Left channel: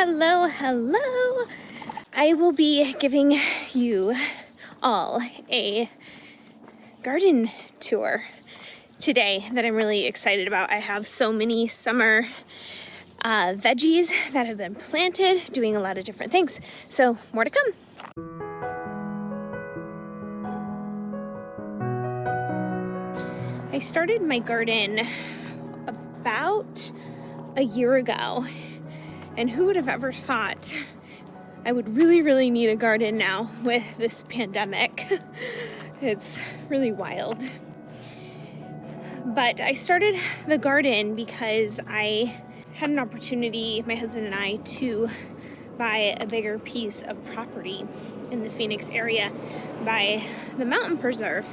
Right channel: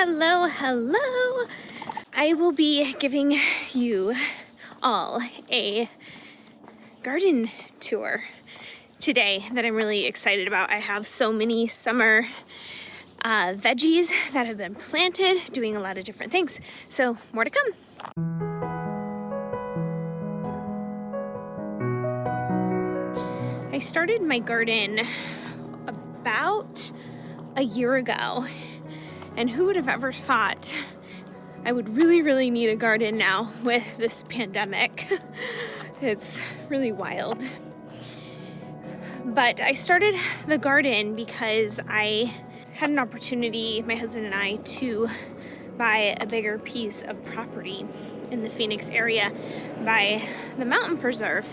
Hello, hello. I will be giving you all a garden tour today that I'm really excited about. I have so many summer veggies that have been planted, doing a lot of different things. So more to come. I started my garden about a year ago, and who would have ever thought I would really need a garden now with this pandemic. It's really wild. But I started the garden because I had an opportunity, my husband and I, to buy a bigger piece of property in the Phoenix area by the mountain preserve.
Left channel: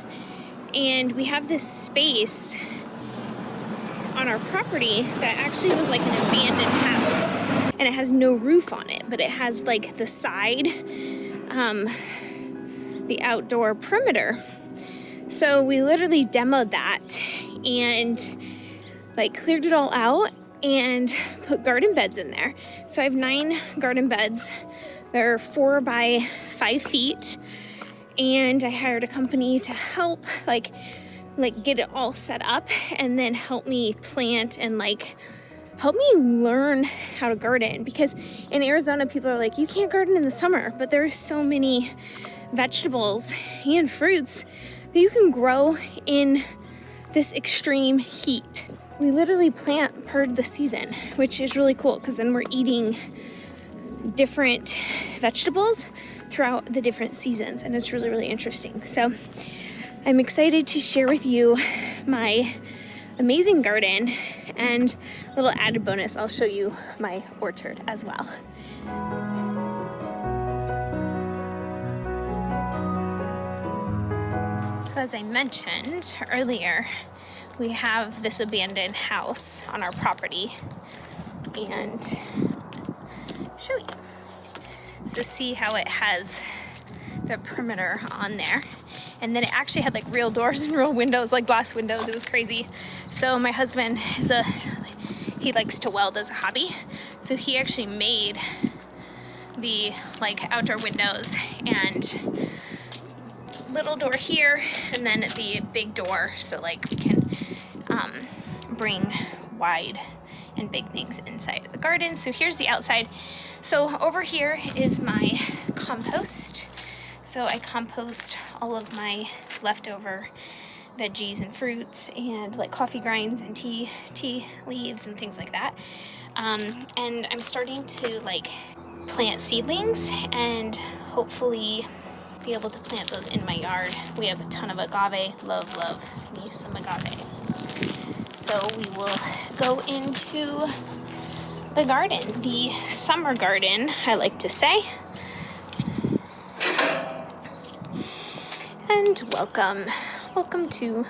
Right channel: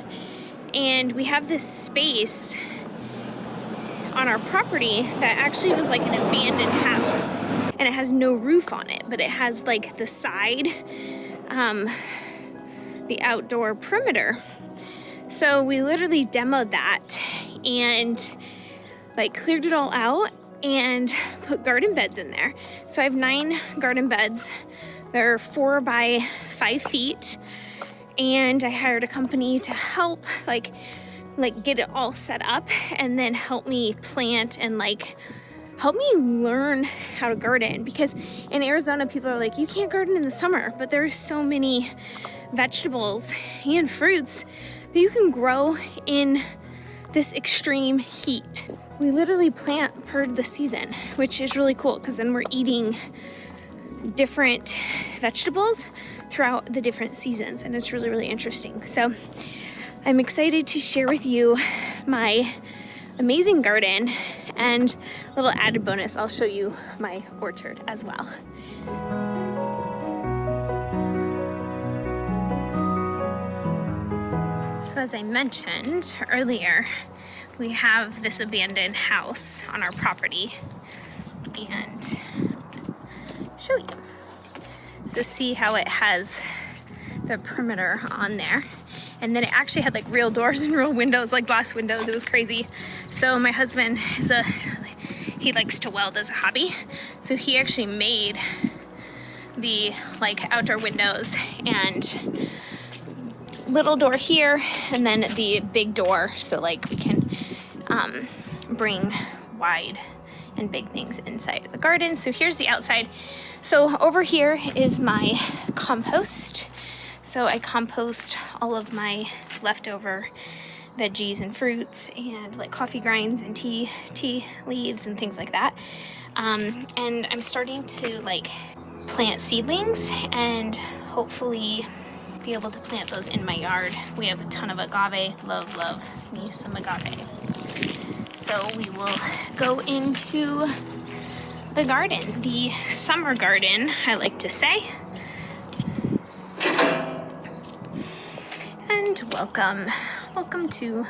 And we have this space on our property that actually was like an abandoned house, and it has no roof on it, but it has like the side, the outdoor perimeter. So we literally demoed that and like cleared it all out and put garden beds in there. So I have 9 garden beds. They're 4 by 5 feet, and I hired a company to help like get it all set up and then help me plant and help me learn how to garden. Because in Arizona, people are like, you can't garden in the summer, but there's so many vegetables and fruits that you can grow in this extreme heat. We literally plant per the season, which is really cool because then we're eating different vegetables throughout the different seasons, and it's really interesting. So I'm excited to share with you my amazing garden, and a little added bonus, I'll show you my orchard as well. So as I mentioned earlier, we have this abandoned house on our property, and show you. So see how it has the perimeter on there. And then it actually had like real doors and real windows, like glass windows. It was crazy. So my husband he likes to weld as a hobby. So he actually made the outdoor windows and little door here, and then the big door, so we can bring wide and big things inside of the garden. So here's the outside. So over here is my compost. So I compost all of my leftover veggies and fruits and coffee grinds and tea leaves and things like that. And I'm starting to plant seedlings and hopefully be able to plant those in my yard. We have a ton of agave. Love me some agave. So we will go into the garden, the summer garden, I like to say. And welcome to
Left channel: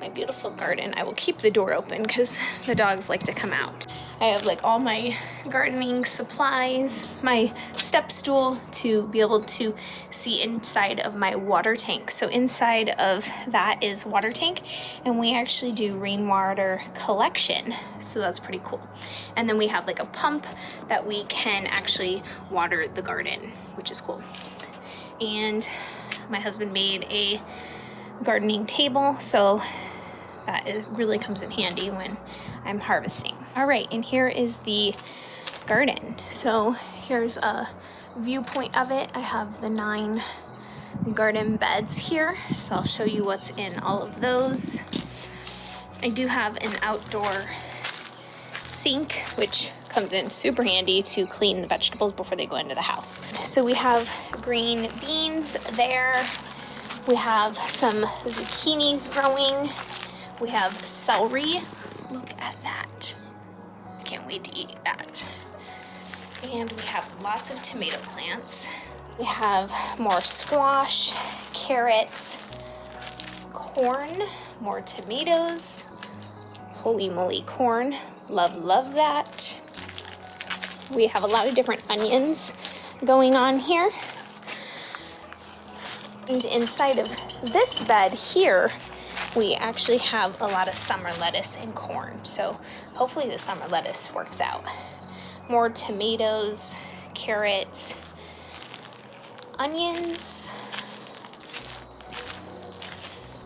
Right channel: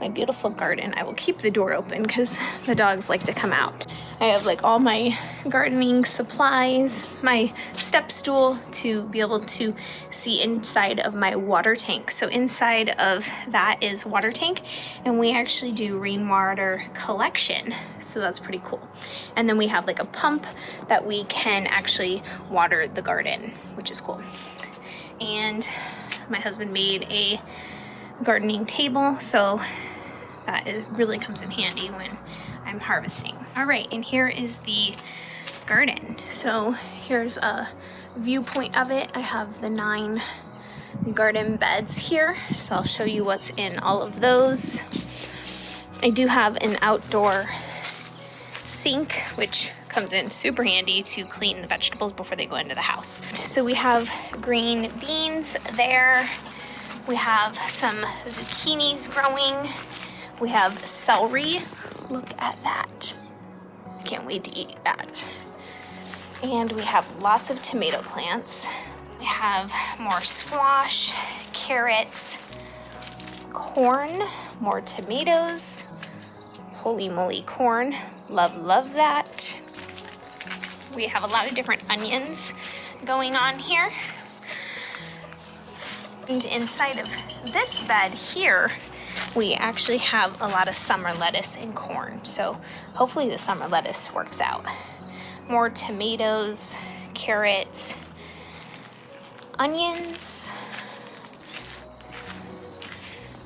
my beautiful garden. I will keep the door open because the dogs like to come out. I have all my gardening supplies, my step stool to be able to see inside of my water tank. So inside of that is water tank, and we actually do rainwater collection. So that's pretty cool. And then we have a pump that we can actually water the garden, which is cool. And my husband made a gardening table, so that really comes in handy when I'm harvesting. All right, and here is the garden. So here's a viewpoint of it. I have the 9 garden beds here, so I'll show you what's in all of those. I do have an outdoor sink, which comes in super handy to clean the vegetables before they go into the house. So we have green beans there. We have some zucchinis growing. We have celery. Look at that. I can't wait to eat that. And we have lots of tomato plants. We have more squash, carrots, corn, more tomatoes. Holy moly, corn. Love that. We have a lot of different onions going on here. And inside of this bed here, we actually have a lot of summer lettuce and corn. So hopefully the summer lettuce works out. more tomatoes, carrots, onions.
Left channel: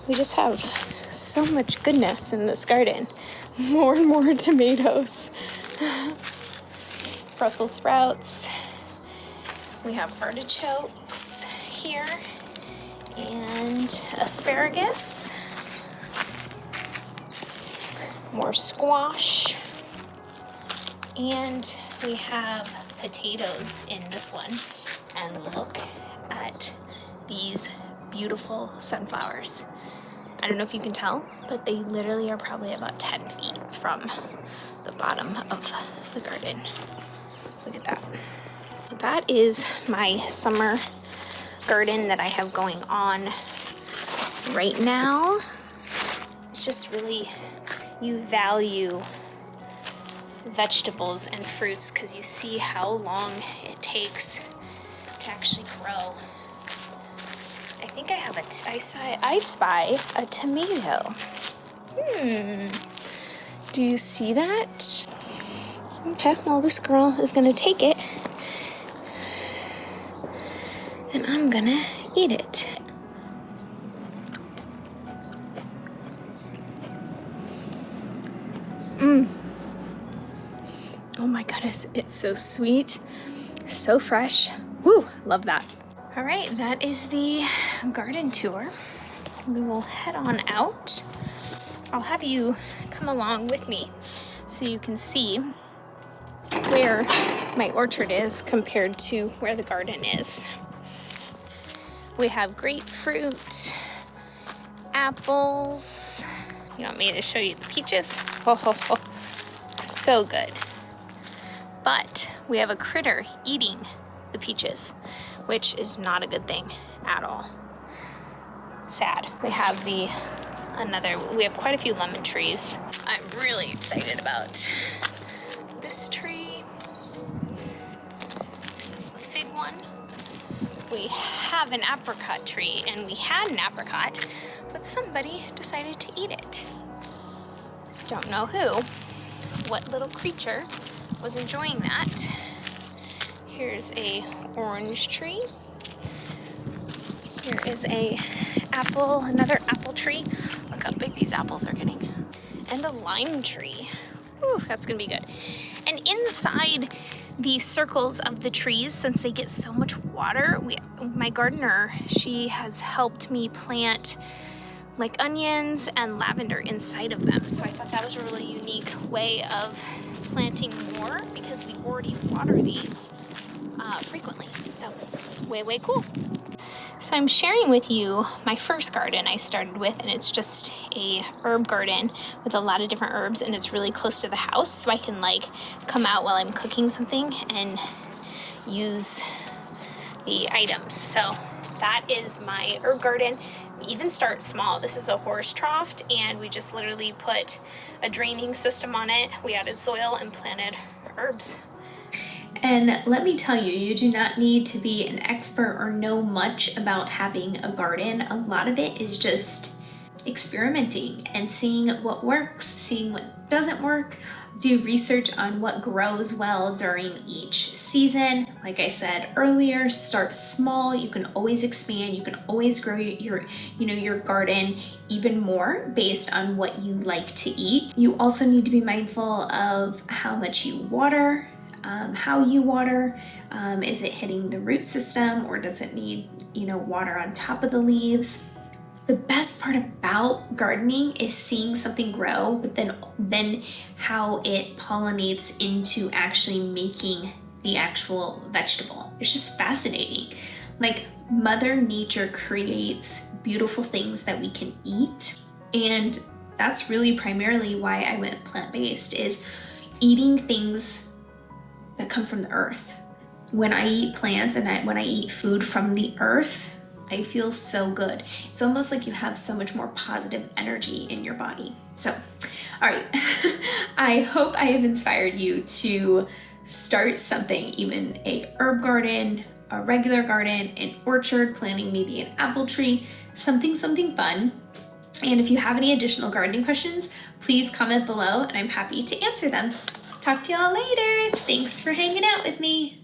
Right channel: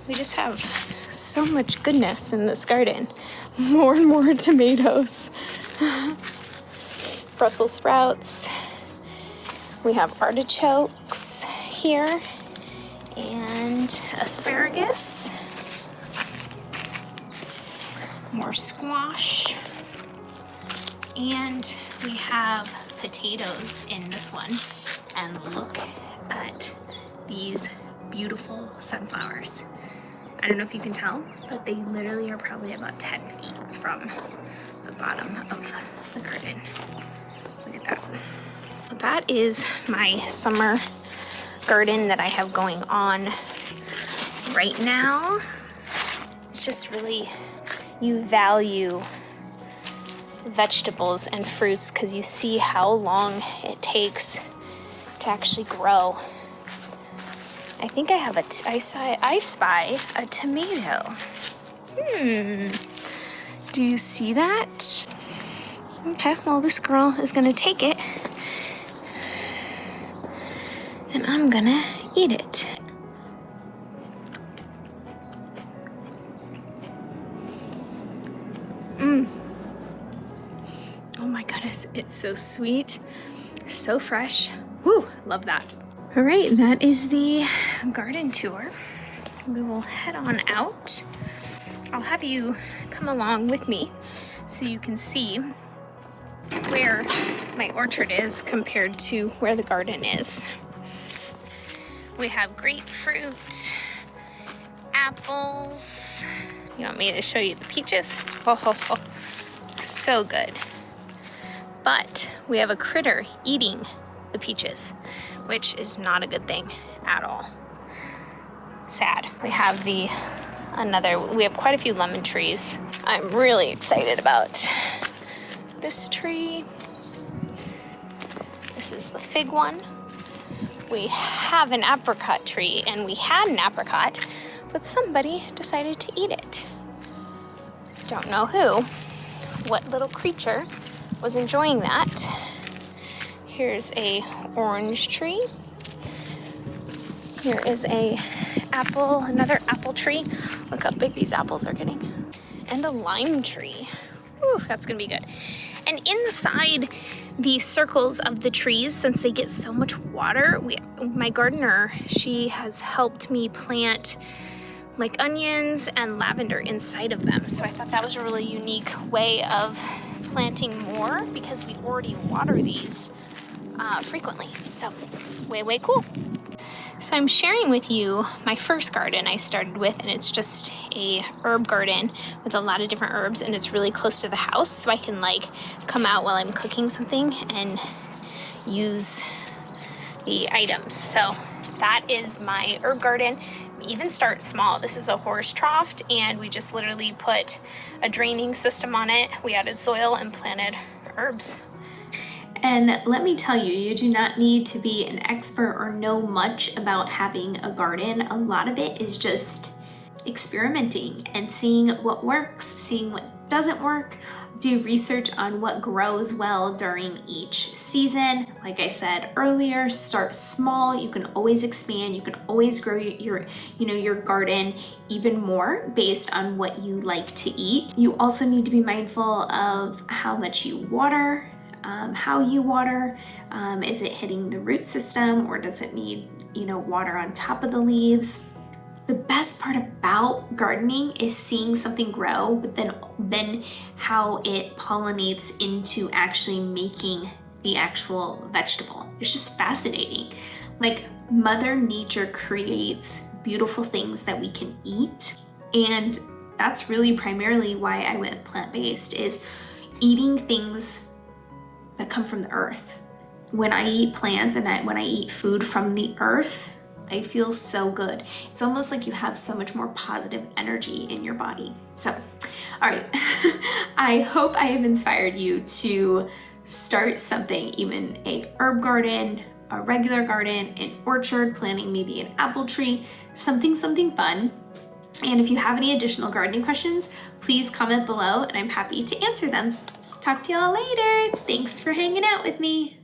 We just have so much goodness in this garden. More and more tomatoes. Brussels sprouts. We have artichokes here and asparagus. More squash. And we have potatoes in this one. And look at these beautiful sunflowers. I don't know if you can tell, but they literally are probably about 10 feet from the bottom of the garden. Look at that. That is my summer garden that I have going on right now. It's just really, you value vegetables and fruits because you see how long it takes to actually grow. I think I have I spy a tomato. Do you see that? Okay, well, this girl is gonna take it and I'm gonna eat it. Oh my goodness, it's so sweet, so fresh. Woo, love that. All right, that is the garden tour. We will head on out. I'll have you come along with me so you can see where my orchard is compared to where the garden is. We have grapefruit, apples. You want me to show you the peaches? Oh, so good. But we have a critter eating the peaches, which is not a good thing at all. Sad. We have we have quite a few lemon trees. I'm really excited about this tree. This is the fig one. We have an apricot tree, and we had an apricot, but somebody decided to eat it. Don't know who. What little creature was enjoying that. Here's a orange tree. Here is another apple tree. Look how big these apples are getting. And a lime tree. Ooh, that's gonna be good. And inside the circles of the trees, since they get so much water, my gardener, she has helped me plant like onions and lavender inside of them. So I thought that was a really unique way of planting more because we already water these frequently. So way cool. So I'm sharing with you my first garden I started with, and it's just a herb garden with a lot of different herbs, and it's really close to the house, so I can like come out while I'm cooking something and use the items. So that is my herb garden. We even start small. This is a horse trough, and we just literally put a draining system on it. We added soil and planted herbs. And let me tell you, you do not need to be an expert or know much about having a garden. A lot of it is just experimenting and seeing what works, seeing what doesn't work. Do research on what grows well during each season. Like I said earlier, start small. You can always expand. You can always grow your garden even more based on what you like to eat. You also need to be mindful of how much you water. How you water. Is it hitting the root system, or does it need water on top of the leaves? The best part about gardening is seeing something grow, but then how it pollinates into actually making the actual vegetable. It's just fascinating. Like, Mother Nature creates beautiful things that we can eat, and that's really primarily why I went plant-based, is eating things that come from the earth. When I eat plants and when I eat food from the earth, I feel so good. It's almost like you have so much more positive energy in your body. So, all right. I hope I have inspired you to start something, even a herb garden, a regular garden, an orchard, planting maybe an apple tree, something fun. And if you have any additional gardening questions, please comment below and I'm happy to answer them. Talk to y'all later. Thanks for hanging out with me.